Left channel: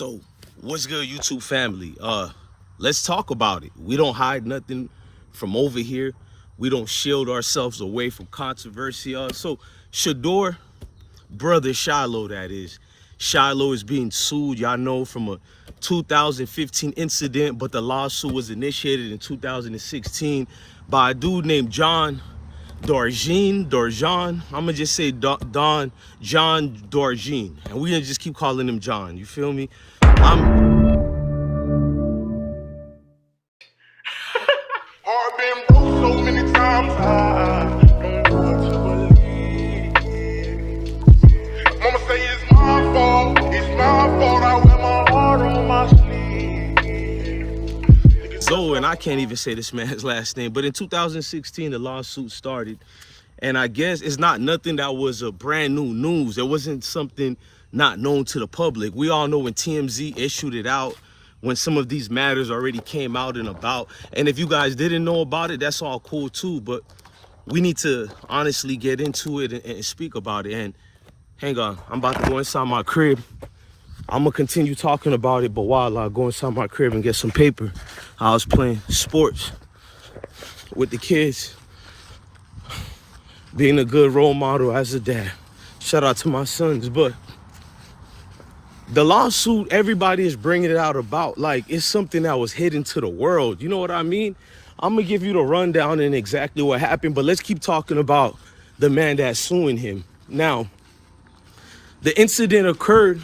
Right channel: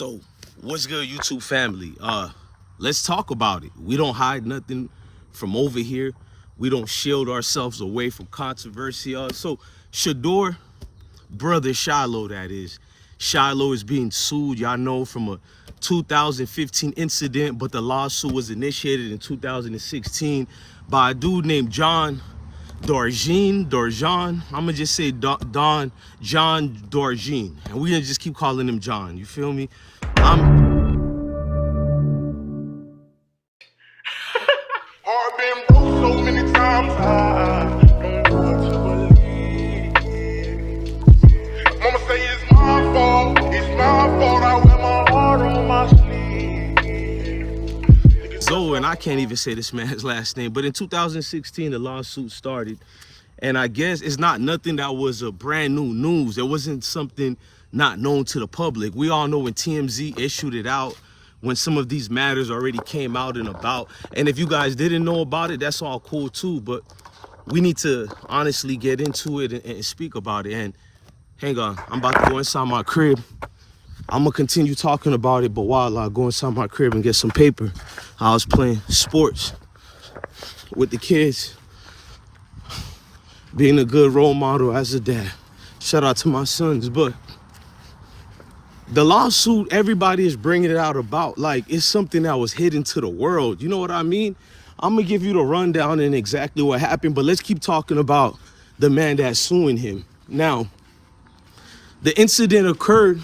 So, what's good, YouTube family? Let's talk about it. We don't hide nothing from over here. We don't shield ourselves away from controversy. So, Shador, brother Shilo, that is. Shilo is being sued, y'all know, from a 2015 incident, but the lawsuit was initiated in 2016 by a dude named John Darjean. I'm gonna just say John Darjean, and we gonna just keep calling him John. You feel me? I've been broke so many times, I don't know what to believe. Mama say it's my fault, I wear my heart on my sleeve. So, and I can't even say this man's last name, but in 2016, the lawsuit started. And I guess it's not nothing that was a brand new news. It wasn't something not known to the public. We all know when TMZ issued it out, when some of these matters already came out and about. And if you guys didn't know about it, that's all cool too. But we need to honestly get into it and speak about it. And hang on, I'm about to go inside my crib. I'm gonna continue talking about it, but while I go inside my crib and get some paper, I was playing sports with the kids, being a good role model as a dad. Shout out to my sons. But the lawsuit, everybody is bringing it out about like it's something that was hidden to the world. You know what I mean? I'm gonna give you the rundown and exactly what happened, but let's keep talking about the man that's suing him. Now, the incident occurred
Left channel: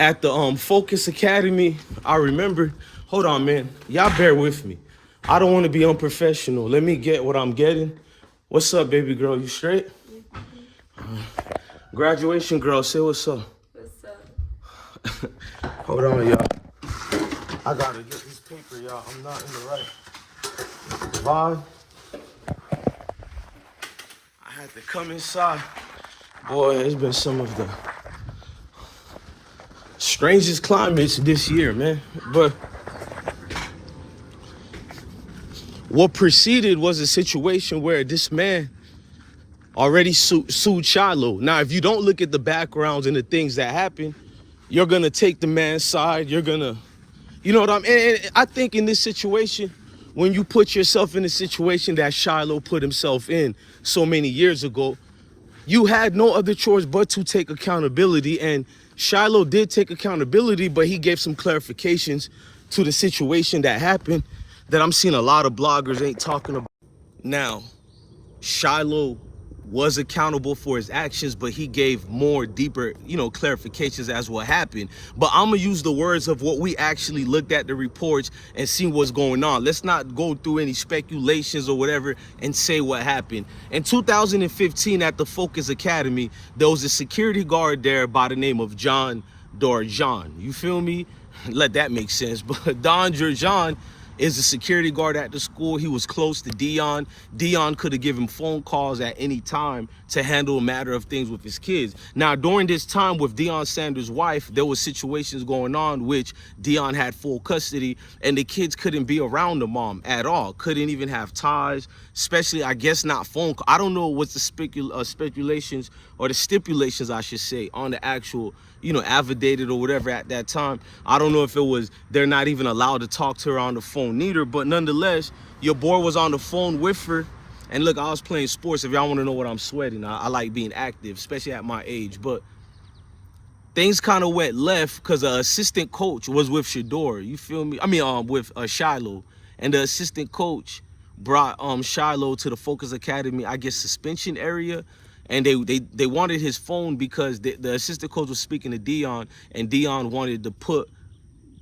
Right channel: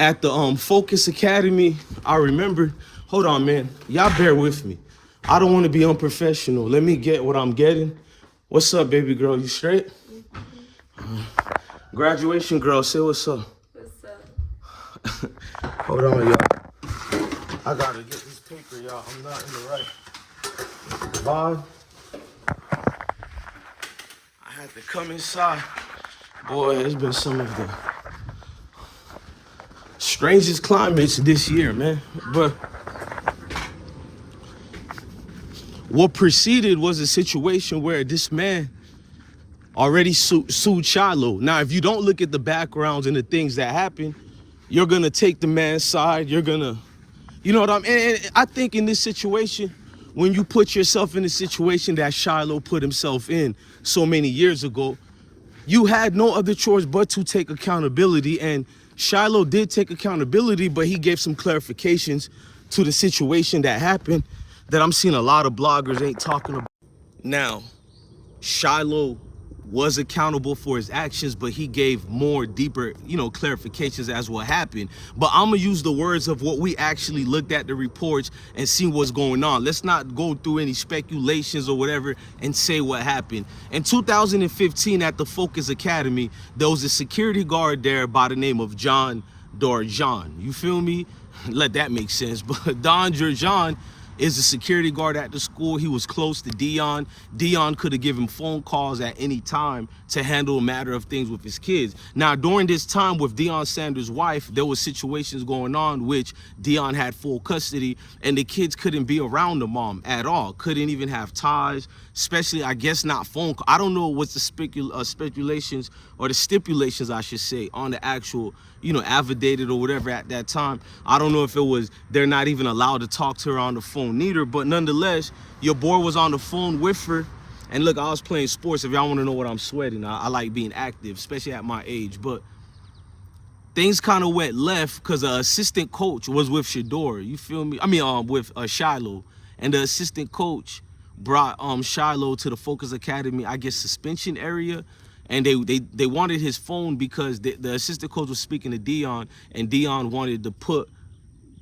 at the Focus Academy. I remember, hold on, man. Y'all bear with me. I don't want to be unprofessional. Let me get what I'm getting. What's up, baby girl? You straight? Graduation girl, say what's up. What's up? Hold on, y'all. I gotta get this paper, y'all. I'm not in the right vibe. I had to come inside. Boy, it's been some of the strangest climates this year, man. But what preceded was a situation where this man already sued Shilo. Now, if you don't look at the backgrounds and the things that happened, you're gonna take the man's side. You're gonna, you know what I mean? And I think in this situation, when you put yourself in a situation that Shilo put himself in so many years ago, you had no other choice but to take accountability. And Shilo did take accountability, but he gave some clarifications to the situation that happened that I'm seeing a lot of bloggers ain't talking about. Now, Shilo was accountable for his actions, but he gave more deeper, clarifications as what happened. But I'm gonna use the words of what we actually looked at the reports and see what's going on. Let's not go through any speculations or whatever and say what happened. In 2015 at the Focus Academy, there was a security guard there by the name of John Darjean. You feel me? Let that make sense. But John Darjean is the security guard at the school. He was close to Dion. Dion could have given phone calls at any time to handle a matter of things with his kids. Now, during this time with Deion Sanders' wife, there was situations going on which Dion had full custody, and the kids couldn't be around the mom at all. Couldn't even have ties, especially, I guess, not phone call. I don't know what's the speculations or the stipulations, I should say, on the actual affidavit or whatever at that time. I don't know if it was they're not even allowed to talk to her on the phone neither, but nonetheless, your boy was on the phone with her. And look, I was playing sports. If y'all want to know what I'm sweating, I like being active, especially at my age. But things kind of went left because the assistant coach was with Shador. You feel me? I mean, with Shilo. And the assistant coach brought Shilo to the Focus Academy, I guess, suspension area. And they wanted his phone because the assistant coach was speaking to Dion, and Dion wanted to put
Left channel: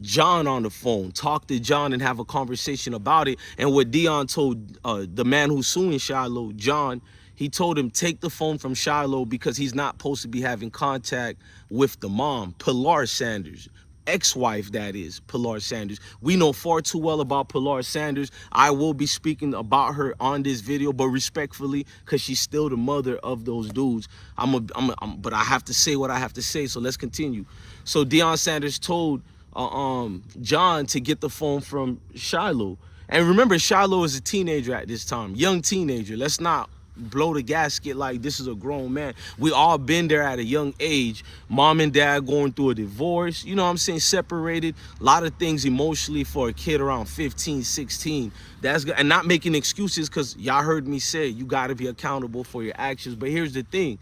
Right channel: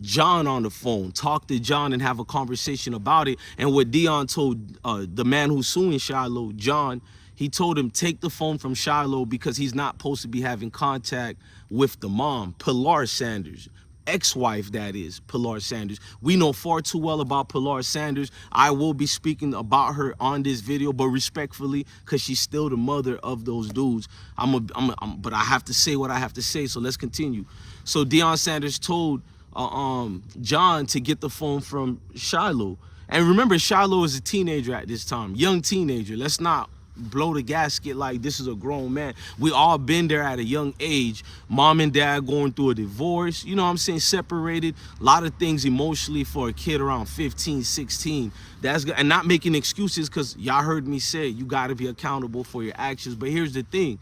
John on the phone, talk to John and have a conversation about it. And what Dion told the man who's suing Shilo, John, he told him, take the phone from Shilo because he's not supposed to be having contact with the mom, Pilar Sanders. Ex-wife, that is, Pilar Sanders. We know far too well about Pilar Sanders. I will be speaking about her on this video, but respectfully, because she's still the mother of those dudes. But I have to say what I have to say, so let's continue. So Deion Sanders told John to get the phone from Shilo. And remember, Shilo is a teenager at this time, young teenager. Let's not blow the gasket like this is a grown man. We all been there at a young age. Mom and dad going through a divorce, you know what I'm saying, separated, a lot of things emotionally for a kid around 15, 16. That's good. And not making excuses, because y'all heard me say you got to be accountable for your actions. But here's the thing.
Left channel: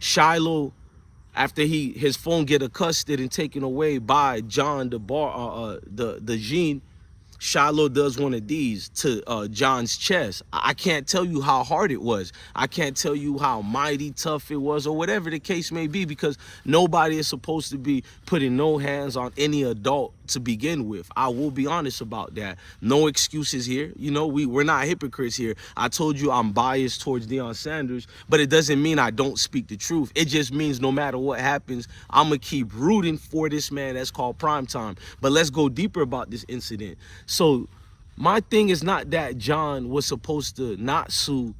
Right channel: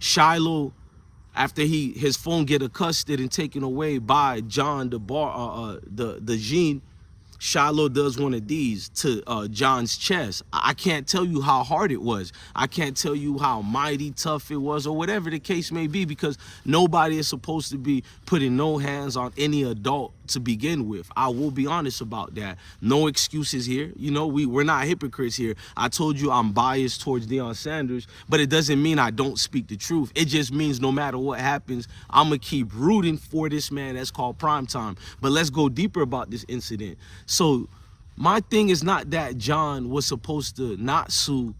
Shilo, after his phone get accosted and taken away by John Darjean, Shilo does one of these to John's chest. I can't tell you how hard it was. I can't tell you how mighty tough it was, or whatever the case may be, because nobody is supposed to be putting no hands on any adult to begin with. I will be honest about that. No excuses here. You know, we're not hypocrites here. I told you I'm biased towards Deion Sanders, but it doesn't mean I don't speak the truth. It just means no matter what happens, I'm going to keep rooting for this man that's called Primetime. But let's go deeper about this incident. So my thing is not that John was supposed to not sue,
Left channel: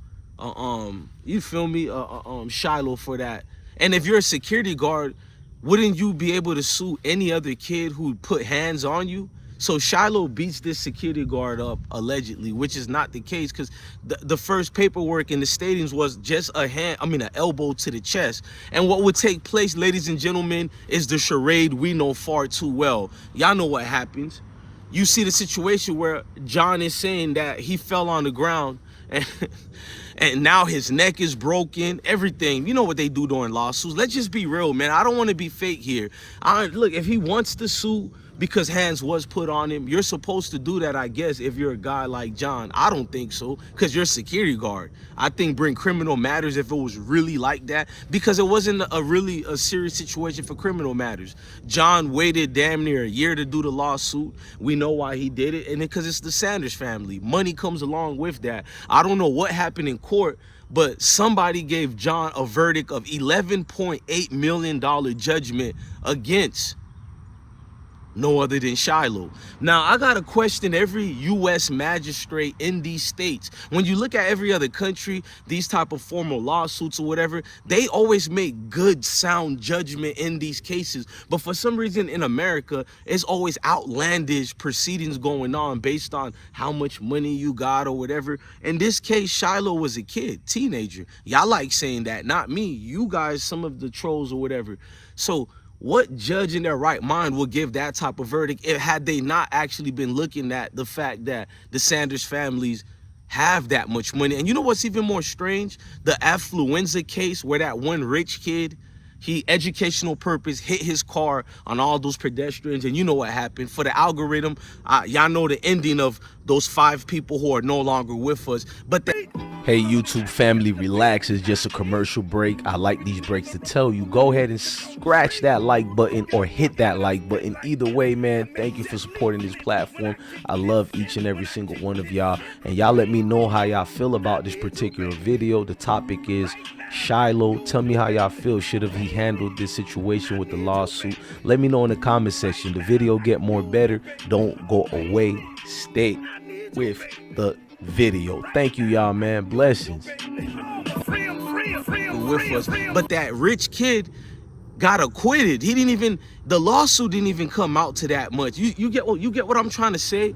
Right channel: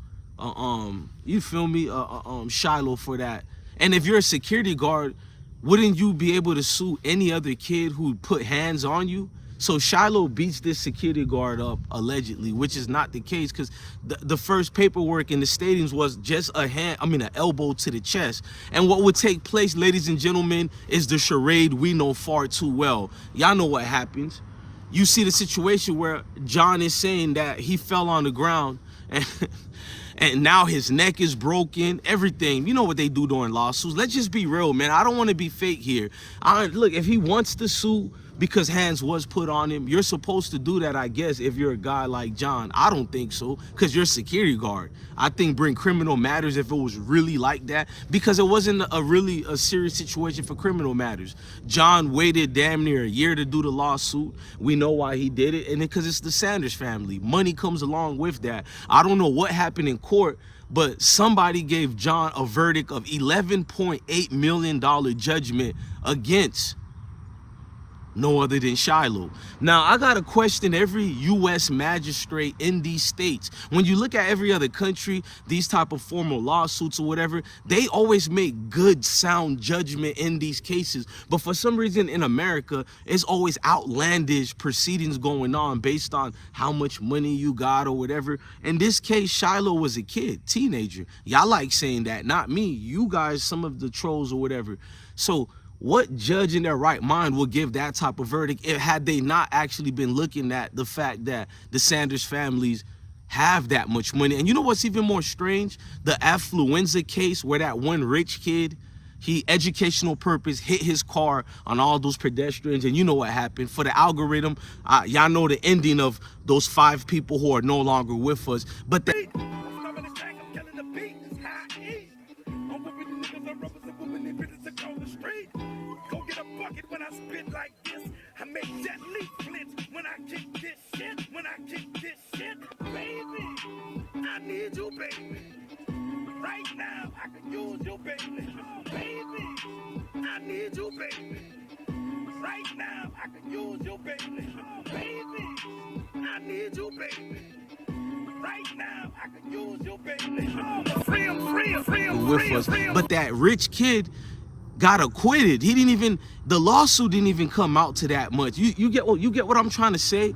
you feel me, Shilo for that. And if you're a security guard, wouldn't you be able to sue any other kid who put hands on you? So Shilo beats this security guard up, allegedly, which is not the case, because the first paperwork in the stadiums was just an elbow to the chest. And what would take place, ladies and gentlemen, is the charade we know far too well. Y'all know what happens. You see the situation where John is saying that he fell on the ground and now his neck is broken, everything. You know what they do during lawsuits. Let's just be real, man. I don't want to be fake here. Look, if he wants to sue because hands was put on him, you're supposed to do that, I guess, if you're a guy like John. I don't think so, because you're a security guard. I think bring criminal matters if it was really like that, because it wasn't a serious situation for criminal matters. John waited damn near a year to do the lawsuit. We know why he did it, and because it's the Sanders family. Money comes along with that. I don't know what happened in court, but somebody gave John a verdict of $11.8 million judgment against no other than Shilo. Now, I got to question every U.S. magistrate in these states. When you look at every other country, these type of formal lawsuits or whatever, they always make good, sound judgment in these cases. But for some reason in America, it's always outlandish proceedings going on based on how much money you got or whatever. In this case, Shilo was a kid, teenager. Y'all like saying that, not me. You guys, some of the trolls or whatever. So what judge in their right mind will give that type of verdict had they not actually been looking at the fact that the Sanders families have that much money? And you know what's even more strange? The affluenza case where that one rich kid, he educational purpose hit his car on all those pedestrians, and you know what happened. For the algorithm, y'all know the ending of those 5 people who are no longer with us. But hey, YouTube family, relax. It's just a commercial break. I like these breaks to tell you, go ahead and scratch that like button or hit that like button. Either way, man, thank you for supporting this platform. I love each and every single one of y'all. And y'all let me know how y'all feel about this particular video. The topic is Shilo. Tell me how y'all feel. Should have he handled this situation with the lawsuit? Let me know in the comment section. The video get more better. Don't go away. Stay with the video. Thank you, y'all, man. Blessings. With us. But that rich kid got acquitted. The lawsuit didn't even come out to that much. You get what I'm trying to say?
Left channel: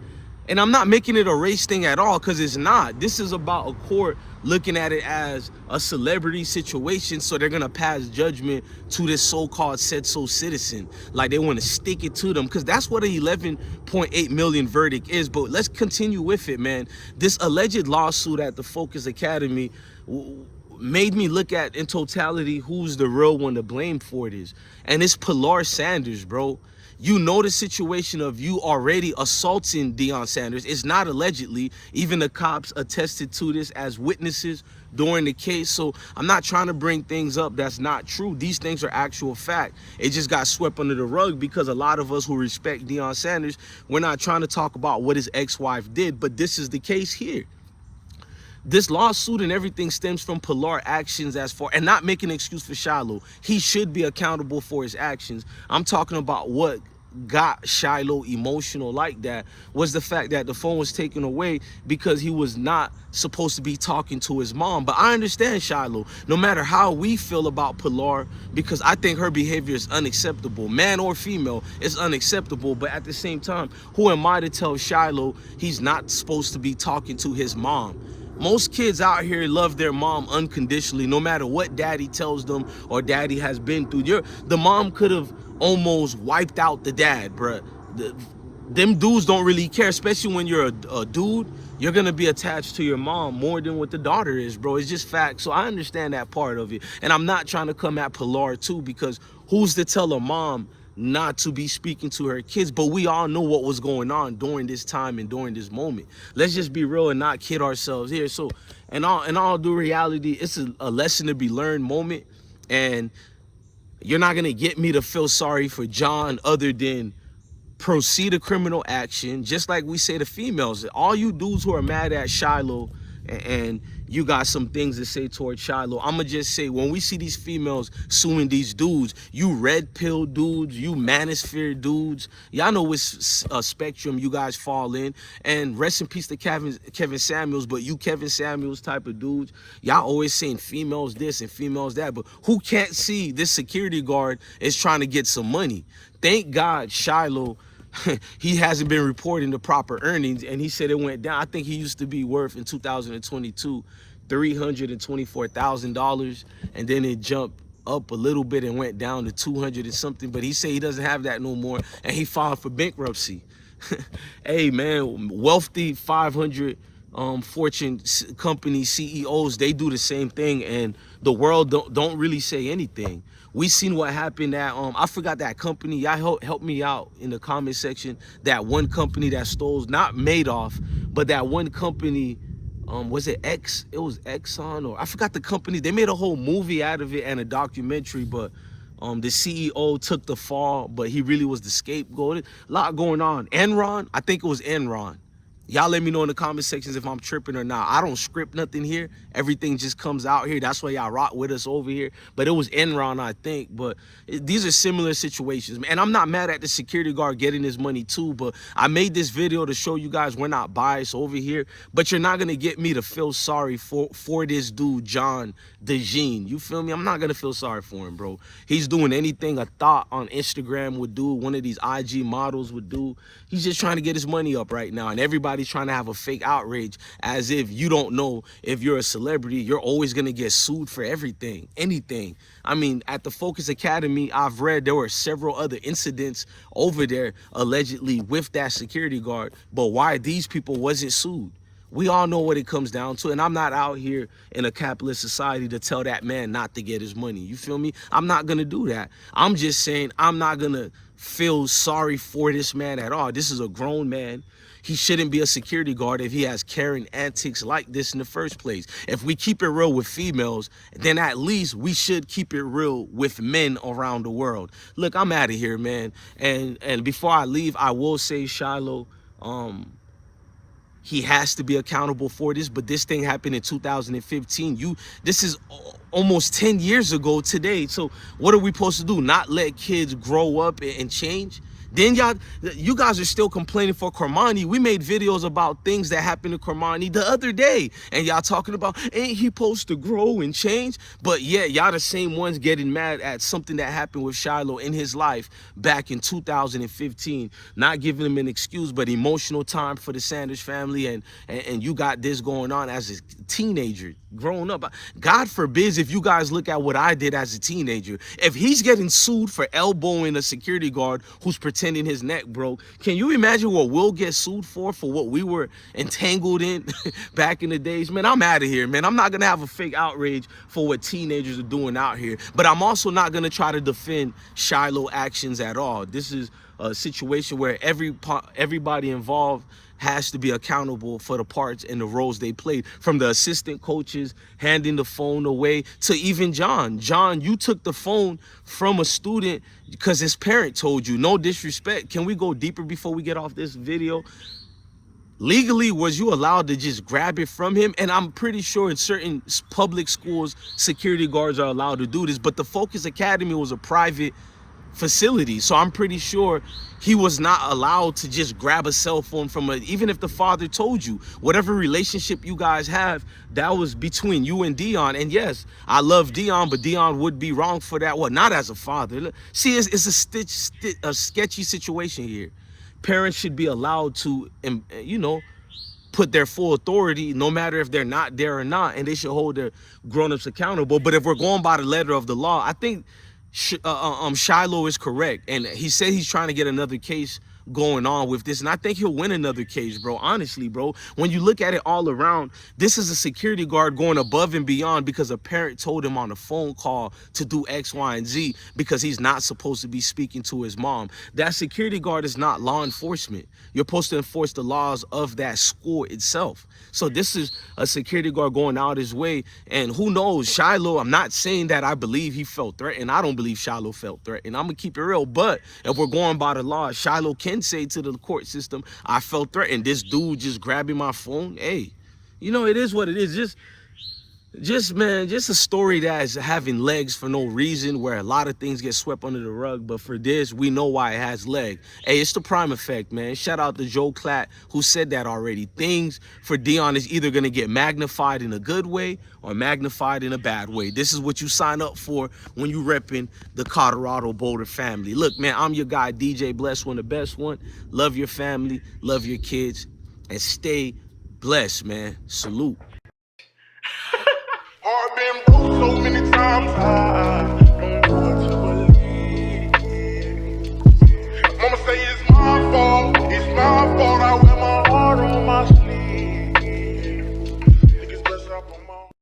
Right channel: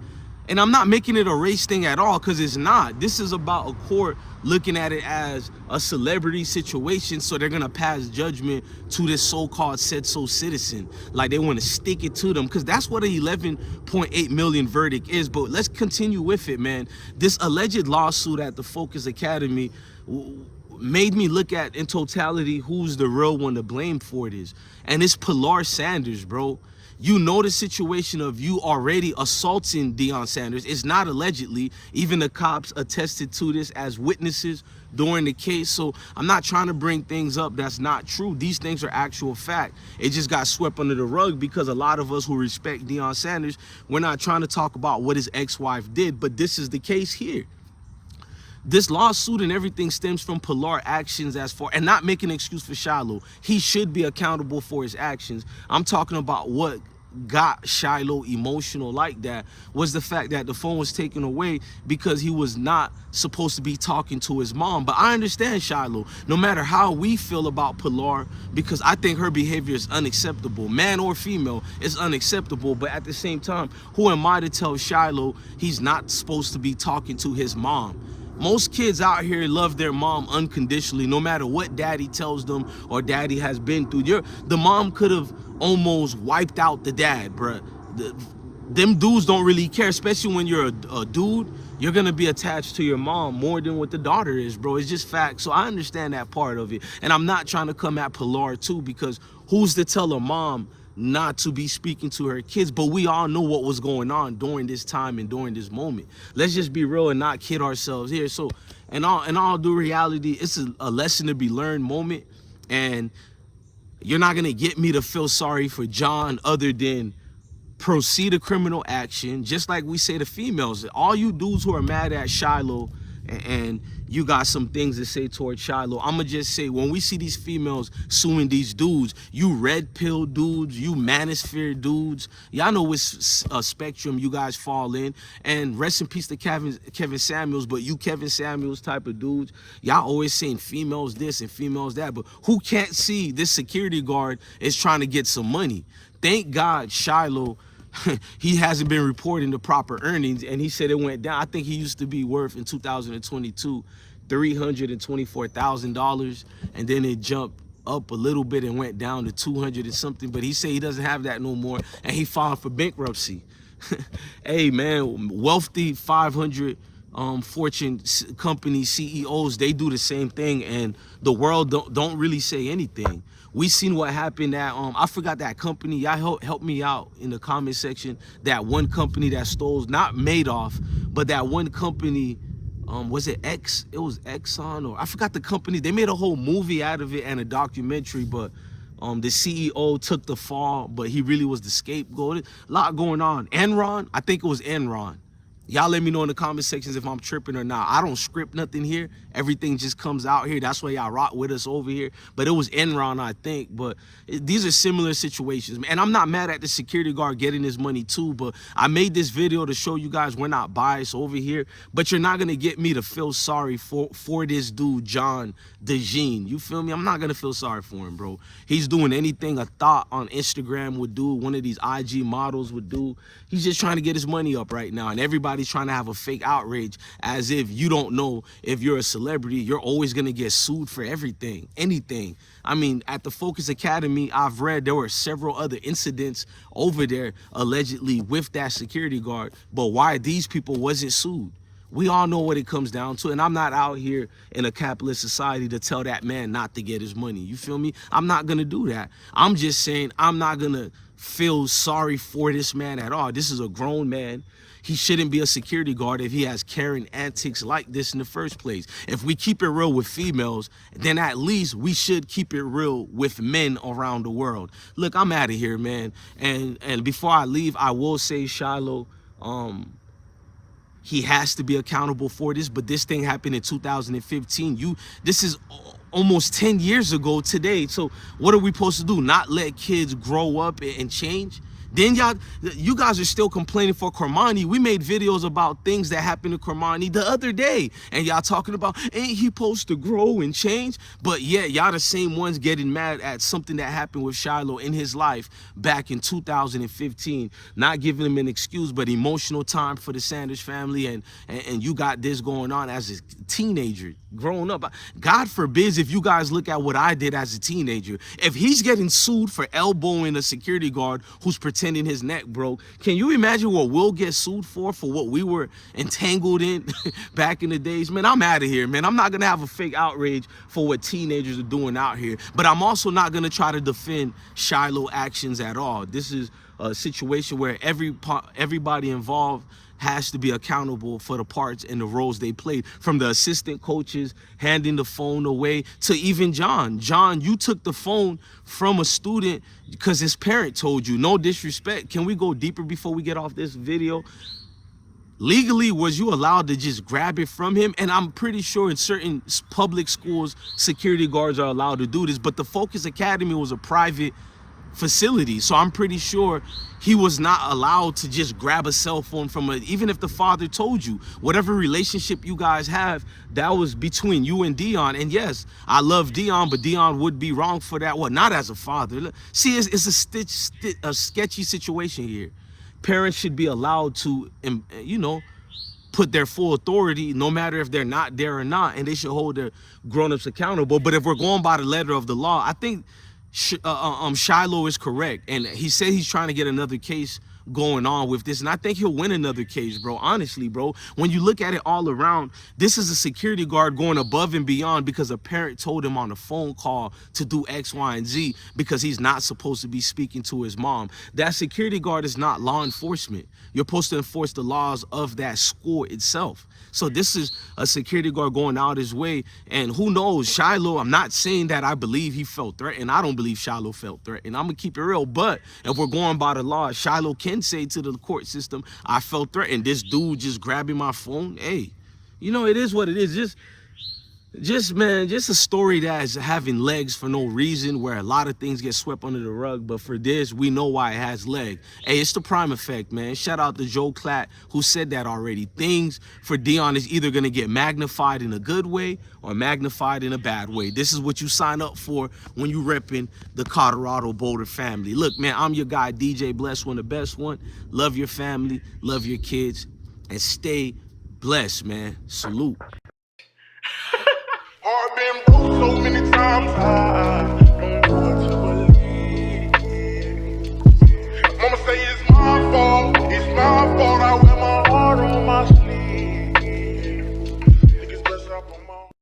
And I'm not making it a race thing at all, because it's not. This is about a court looking at it as a celebrity situation, so they're gonna pass judgment to this so-called said-so citizen. Like they want to stick it to them, because that's what an 11.8 million verdict is. But let's continue with it, man. This alleged lawsuit at the Focus Academy made me look at, in totality, who's the real one to blame for this. And it's Pilar Sanders, bro. You know the situation of you already assaulting Deion Sanders. It's not allegedly. Even the cops attested to this as witnesses during the case. So I'm not trying to bring things up that's not true. These things are actual fact. It just got swept under the rug because a lot of us who respect Deion Sanders, we're not trying to talk about what his ex-wife did, but this is the case here. This lawsuit and everything stems from Pilar actions and not making an excuse for Shilo. He should be accountable for his actions. I'm talking about what got Shilo emotional like that was the fact that the phone was taken away because he was not supposed to be talking to his mom. But I understand Shilo, no matter how we feel about Pilar, because I think her behavior is unacceptable. Man or female, it's unacceptable. But at the same time, who am I to tell Shilo he's not supposed to be talking to his mom? Most kids out here love their mom unconditionally, no matter what daddy tells them or daddy has been through. The mom could have almost wiped out the dad, bruh. Them dudes don't really care, especially when you're a dude. You're gonna be attached to your mom more than what the daughter is, bro. It's just fact. So I understand that part of it. And I'm not trying to come at Pilar too, because who's to tell a mom not to be speaking to her kids? But we all know what was going on during this time and during this moment. Let's just be real and not kid ourselves here. So in all due reality, it's a lesson to be learned moment. And you're not gonna get me to feel sorry for John other than proceed a criminal action, just like we say to females. All you dudes who are mad at Shilo and you got some things to say towards Shilo, I'ma just say, when we see these females suing these dudes, you red pill dudes, you manosphere dudes, y'all know which spectrum you guys fall in. And rest in peace to Kevin Samuels, but you Kevin Samuels type of dudes, y'all always saying females this and females that, but who can't see this security guard is trying to get some money? Thank God Shilo, he hasn't been reporting the proper earnings, and he said it went down. I think he used to be worth in 2022 $324,000, and then it jumped up a little bit and went down to 200 and something. But he said he doesn't have that no more, and he filed for bankruptcy. Hey man, wealthy 500 Fortune company CEOs, they do the same thing, and the world don't really say anything. We seen what happened at I forgot that company. Y'all help me out in the comment section. That one company that stole, not Madoff, but that one company, was it X? It was Exxon, or I forgot the company. They made a whole movie out of it and a documentary, but the CEO took the fall, but he really was the scapegoat. A lot going on. Enron, I think it was Enron. Y'all let me know in the comment sections if I'm tripping or not. I don't script nothing here. Everything just comes out here. That's why y'all rock with us over here. But it was Enron, I think. But these are similar situations. And I'm not mad at the security guard getting his money too. But I made this video to show you guys we're not biased over here. But you're not going to get me to feel sorry for this dude, John Darjean. You feel me? I'm not going to feel sorry for him, bro. He's doing anything a thought on Instagram would do, one of these IG models would do. He's just trying to get his money up right now. And everybody's trying to have a fake outrage as if you don't know if you're a celebrity, you're always going to get sued for everything, anything. I mean, at the Focus Academy, I've read there were several other incidents over there allegedly with that security guard. But why these people wasn't sued? We all know what it comes down to, and I'm not out here in a capitalist society to tell that man not to get his money. You feel me? I'm not going to do that. I'm just saying I'm not going to feel sorry for this man at all. This is a grown man. He shouldn't be a security guard if he has Karen antics like this in the first place. If we keep it real with females, then at least we should keep it real with men around the world. Look, I'm out of here, man. And before I leave, I will say, Shilo, he has to be accountable for this, but this thing happened in 2015. This is almost 10 years ago today. So what are we supposed to do? Not let kids grow up and change? Then you guys are still complaining for Cormani. We made videos about things that happened to Cormani the other day, and y'all talking about, ain't he supposed to grow and change? But yeah, y'all the same ones getting mad at something that happened with Shilo in his life back in 2015. Not giving him an excuse, but emotional time for the Sanders family, and you got this going on as a teenager, growing up. God forbids if you guys look at what I did as a teenager. If he's getting sued for elbowing a security guard who's pretending his neck broke, can you imagine what we'll get sued for what we were entangled in back in the days? Man, I'm out of here, man. I'm not gonna have a fake outrage for what teenagers are doing out here, but I'm also not gonna try to defend Shilo actions at all. This is a situation where everybody involved has to be accountable for the parts and the roles they played, from the assistant coaches handing the phone away to even John. John, you took the phone from a student because his parent told you. No disrespect. Can we go deeper before we get off this video? Legally, was you allowed to just grab it from him? And I'm pretty sure in certain public schools, security guards are allowed to do this, but the Focus Academy was a private facility, so I'm pretty sure he was not allowed to just grab a cell phone from even if the father told you. Whatever relationship you guys have, that was between you and Dion. And yes, I love Dion, but Dion would be wrong for that. Well, not as a father. See, it's a sketchy situation here. Parents should be allowed to, put their full authority, no matter if they're not there or not, and they should hold their grown-ups accountable. But if we're going by the letter of the law, I think Shilo is correct, and he said he's trying to get another case going on with this, and I think he'll win another case, bro. Honestly, bro, when you look at it all around, this is a security guard going above and beyond because a parent told him on a phone call to do X, Y, and Z because he's not supposed to be speaking to his mom. That security guard is not law enforcement. You're supposed to enforce the laws of that school itself. So this is a security guard going out his way, and who knows, Shilo, I'm not saying that I believe he felt threatened. I don't believe Shilo felt threatened. I'm gonna keep it real, but if we're going by the law, Shilo can say to the court system, I felt threatened. This dude just grabbing my phone, hey, you know, it is what it is. Just a story that is having legs for no reason, where a lot of things get swept under the rug, but for this, we know why it has leg. Hey, it's the prime effect, man. Shout out to Joe Klatt, who said that already. Things for Dion is either gonna get magnified in a good way or magnified in a bad way. This is what you sign up for when you repping the Colorado Boulder family. Look, man, I'm your guy, DJ Bless One, the best one. Love your family, love your kids, and stay blessed, man. Salute. Heart been broke so many times.